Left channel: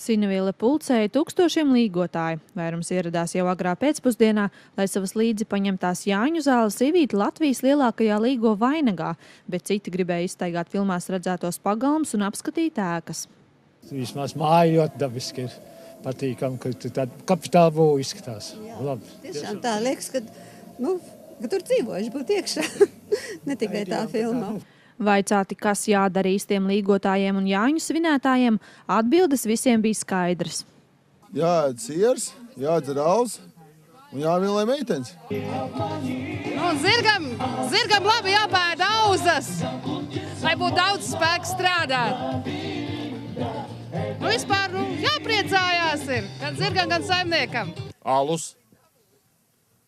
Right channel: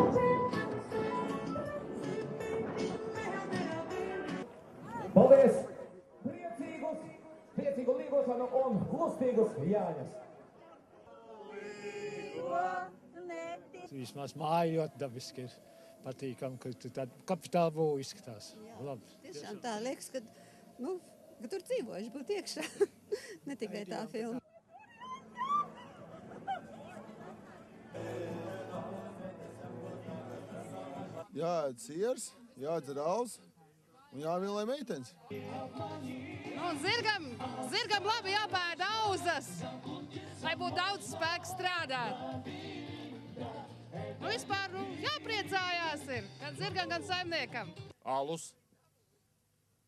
Sinavīle pulcēja tūkstošiem līgotāju. Vairums ieradās jau agrā pēcpusdienā, lai savas līdzi paņemtās Jāņu zāles ievītu Latvijas lielākajā līgo vainagā, bet citi gribēja izstaigāt filmās redzētos pagalmus un apskatīt ēkas. Vismaz māja ļoti dabiski ir patīkami, ka tāda kapitāla būva izskatās. Labi. Tiešām tā liekas, ka tur dzīvojuši būtu iekšā, ne tikai tā filmā. Vaicāti, kas jādara īstiem līgotājiem un Jāņu svinētājiem, atbildes visiem bija skaidrs. Jāēd siers, jādzer alus un jāvielē meitenes. Zirgam labi jāpēd auzas, lai būtu daudz spēku strādāt. Vispār jāpriecājās ir gan zirgam, gan saimniekam. Alus,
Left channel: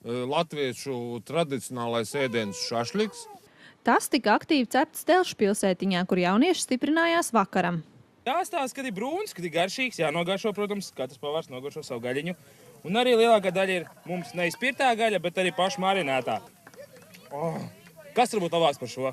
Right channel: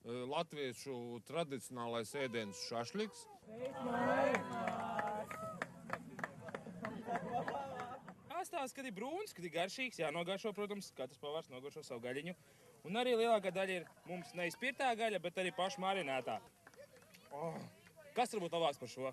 latviešu tradicionālais ēdiens šašliks. Tas tika aktīvi cepts Telšu pilsētiņā, kur jaunieši stiprinājās vakaram. Jāstāsta, kad ir brūns, kad ir garšīgs, jānogaršo, protams, katrs pavārs nogaršo savu gaļiņu. Un arī lielākā daļa ir mums neizpirtā gaļa, bet arī paša marinētā. Kas varbūt labāks par šo?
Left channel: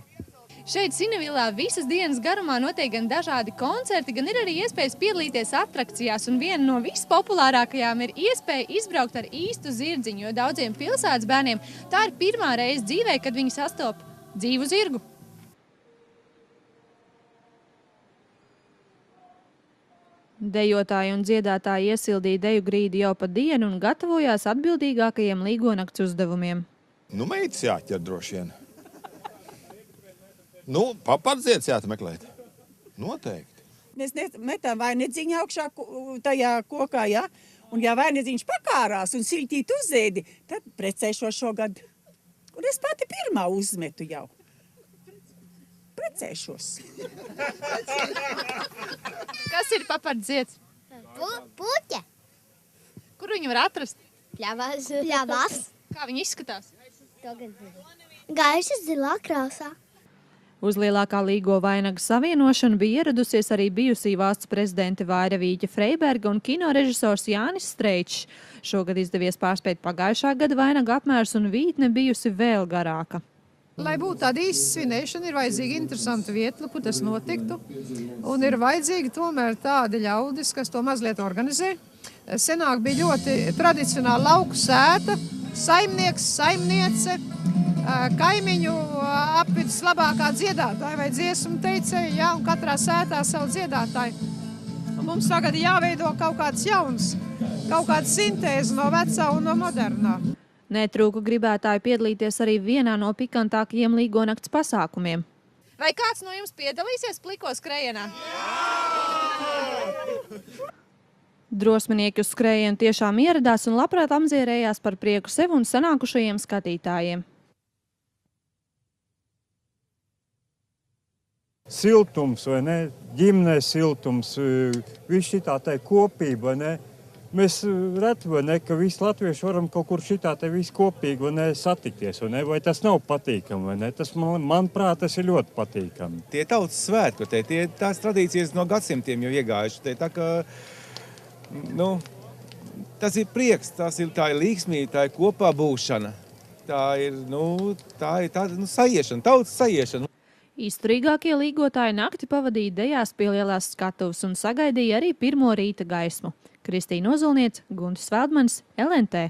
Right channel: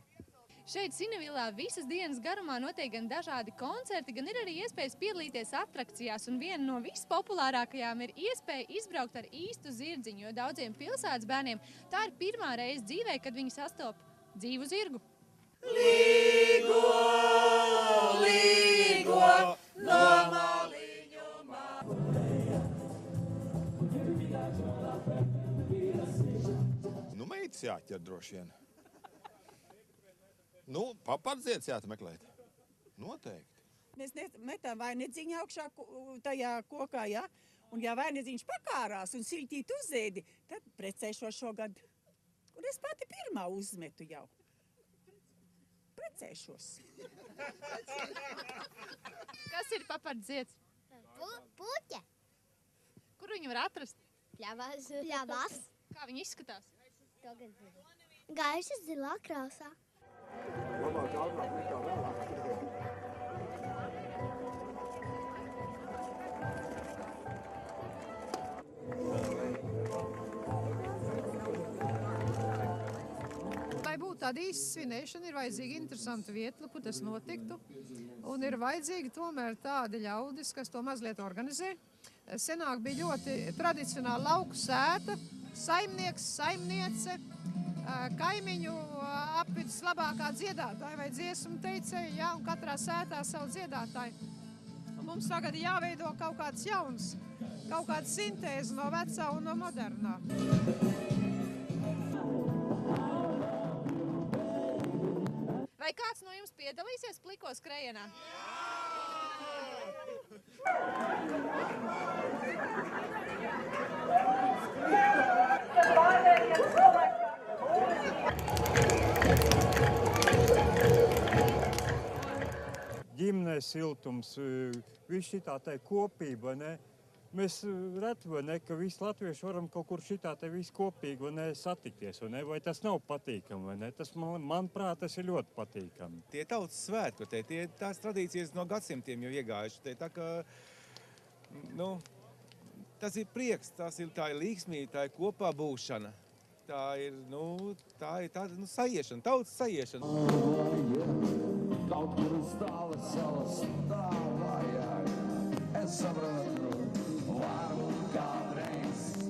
Šeit Sinavīlā visas dienas garumā notiek gan dažādi koncerti, gan ir arī iespējas piedalīties atrakcijās. Un viena no vispopulārākajām ir iespēja izbraukt ar īstu zirdziņu, jo daudziem pilsētas bērniem tā ir pirmā reize dzīvē, kad viņi sastop dzīvu zirgu. Dejotāji un dziedātāji iesildīja deju grīdi jau pa dienu un gatavojās atbildīgākajiem līgonakts uzdevumiem. Meitas jāķer droši vien. Papardziets jāmeklēt. Noteikti. Mēs metam vainedzīņu augšā tajā kokā, ja? Un ja vainedzīņš pakārās un siltīt uzēdi, tad precēšos šogad. Un es pati pirmā uzmetu jau. Precēšos. Kas ir papardziets? Puķe. Kur viņu var atrast? Pļavas. Kā viņi izskatās? Gaiša zilā krāsā. Uz lielākā līgo vainaga savienošanu bija ieradusies arī bijusī valsts prezidente Vaira Vīķa Freiberga un kinorežisors Jānis Streičs. Šogad izdevies pārspēt pagājušā gada vainaga apmērs un vītne bijusi vēl garāka. Lai būtu tāda īsta svinēšana, ir vajadzīga interesanta vieta, kur tas notiktu. Un ir vajadzīgi tomēr tādi ļaudis, kas to mazliet organizē. Senāk bija ļoti tradicionāla lauku sēta, saimnieks, saimniece, kaimiņu apvidus labākā dziedātāja vai dziesmu teicēja, ja, un katrā sētā savu dziedātāju. Un mums tagad jāveido kaut kāds jauns, kaut kāda sintēze no vecā un no modernā. Netrūka gribētāju piedalīties arī vienā no pikantākajiem līgonakts pasākumiem. Vai kāds no jums piedalīsies pliko skrējienā? Drosminieki uz skrējienu tiešām ieradās un labprāt apdzierējās par prieku sev un sanākušajiem skatītājiem. Siltums, vai ne? Ģimnes siltums, viss šitā tai kopība, vai ne? Mēs reti, vai ne, ka visi latvieši varam kaut kur šitā te visi kopīgi, vai ne, satikties, vai ne? Vai tas nav patīkami, vai ne? Tas, manuprāt, tas ir ļoti patīkami. Tie tautas svētki, tās tradīcijas no gadsimtiem jau iegājuši. Tā kā, tas ir prieks, tā ir līgsmība, tā ir kopā būšana. Tā ir sajiešana, tautas sajiešana. Izturīgākie līgotāji nakti pavadīja dejās pie lielās skatuves un sagaidīja arī pirmo rīta gaismu. Kristīna Ozolniece, Guntis Veldmanis, LNT.